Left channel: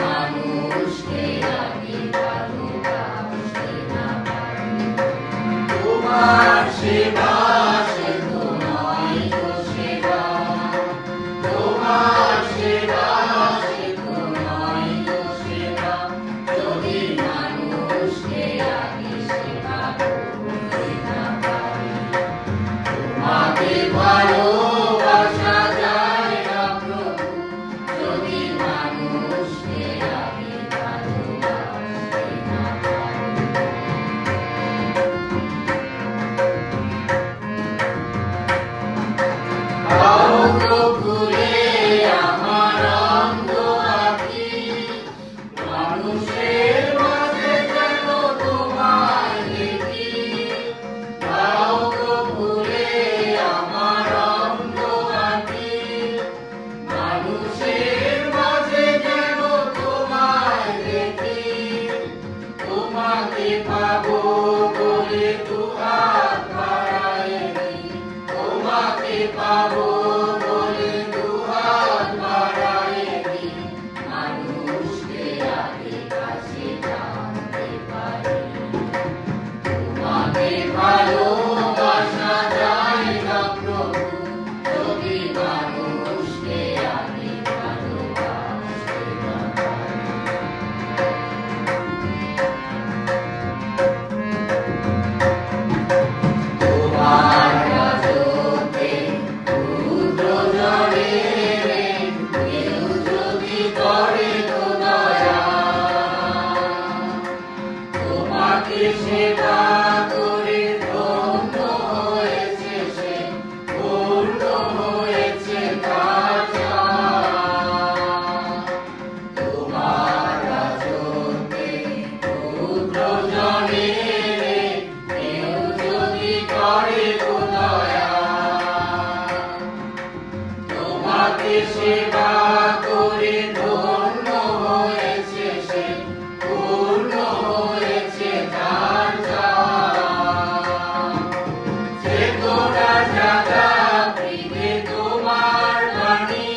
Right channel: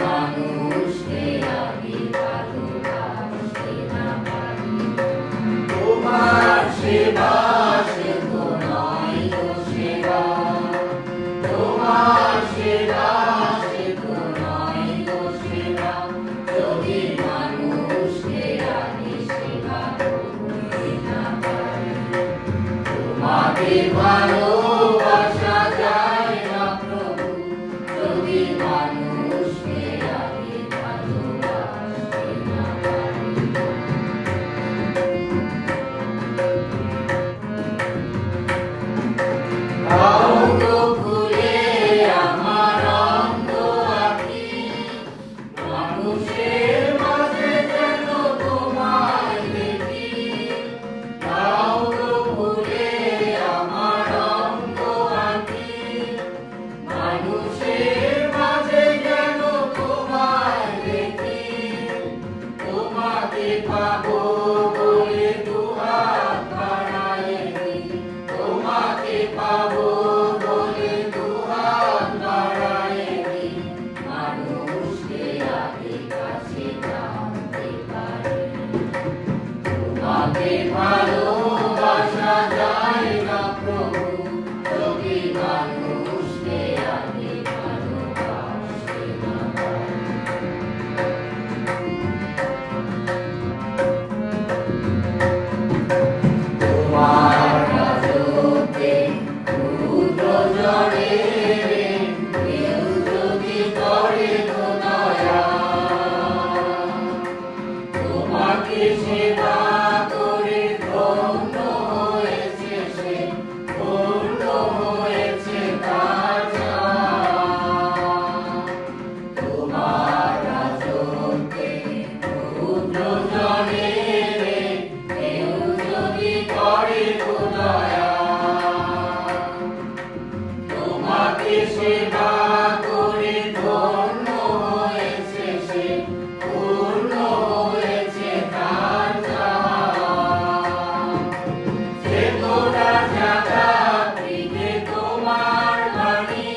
মানুষকে আমি ভালোবাসতে না পারি। তোমার সেবা সে তো নয় তো সেবা, তোমার সেবা সে তো নয় তো সেবা, যদি মানুষকে আমি সেবা করতে না পারি। তোমাকে ভালোবাসা যায় না প্রভু, যদি মানুষকে আমি ভালোবাসতে না পারি। দাও গো খুলে আমার অন্ধ আঁখি, মানুষের মাঝে যেন তোমায় দেখি। দাও গো খুলে আমার অন্ধ আঁখি, মানুষের মাঝে যেন তোমায় দেখি। তোমাকে পাবো বলে দুহাত বাড়ায়ে দিই, তোমাকে পাবো বলে দুহাত বাড়ায়ে দিই। মানুষকে আগে কাছে জানতে পারি। তোমাকে ভালোবাসা যায় না প্রভু, যদি মানুষকে আগে ভালোবাসতে না পারি। তোমার রাজত্বে ক্ষুদ্র জনে কেউ যদি করে তো দয়া, তোমাকে সেবা করে ধন্য হয়েছে সে, ধন্য হয়েছে তার ছায়া। তোমার রাজত্বে ক্ষুদ্র জনে কেউ যদি করে তো দয়া, তোমাকে সেবা করে ধন্য হয়েছে সে, পূর্ণ হয়েছে তার ছায়া। চেতনা জাগা প্রিয়ে তোমার বাণী,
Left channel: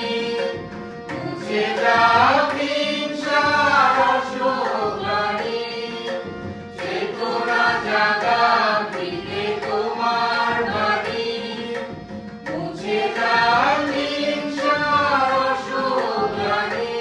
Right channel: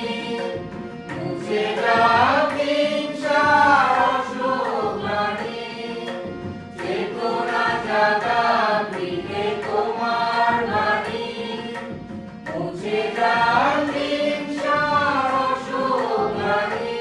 মুছে যাক হিংসার অশ্রুগ্লানি। চেতনা জাগা প্রিয়ে তোমার বাণী, মুছে যাক হিংসার অশ্রুগ্লানি।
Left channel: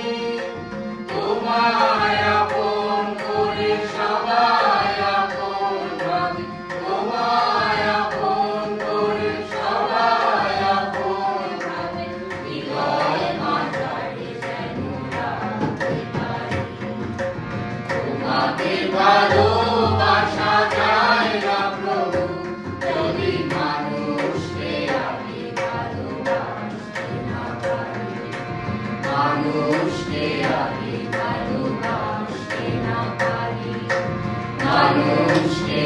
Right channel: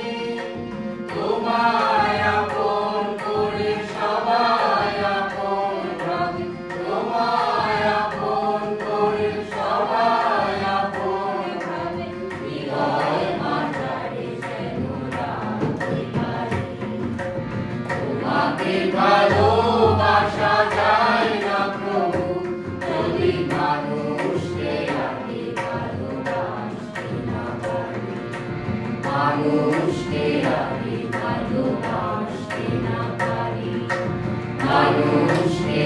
তোমায় আপন করে সবাই আপন ভাবি, তোমায় আপন করে সবাই আপন ভাবি। হৃদয় মাঝারে যেন রাখতে পারি। তোমাকে ভালোবাসা যায় না প্রভু, যদি মানুষকে আমি ভালোবাসতে না পারি। মানুষকে আমি ভালোবাসতে না পারি। মানুষকে